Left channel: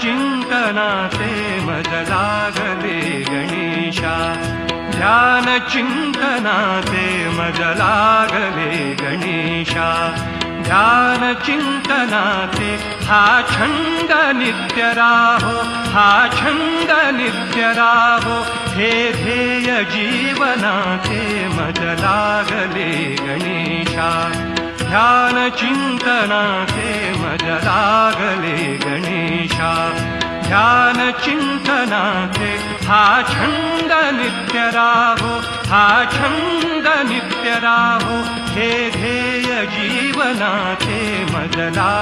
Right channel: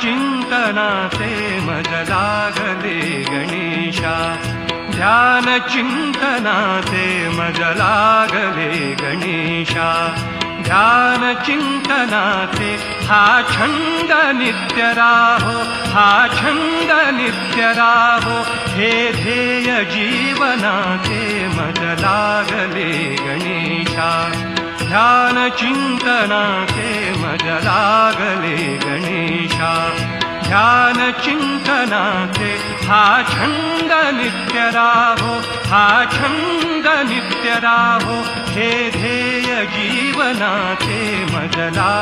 चिन्तनासे मजलागदे गणेशा। ध्यानचिन्तनासे मजलागदे गणेशा। ध्यानचिन्तनासे हा छन्द नित्यराहो हा छन्द नित्यराहो हे ध्येय जीवनासे ते गणेशा। ध्यानचिन्तनासे ते नित्य राहो हा छंद नित्य राहो हे ध्येय जीवनाचे मजला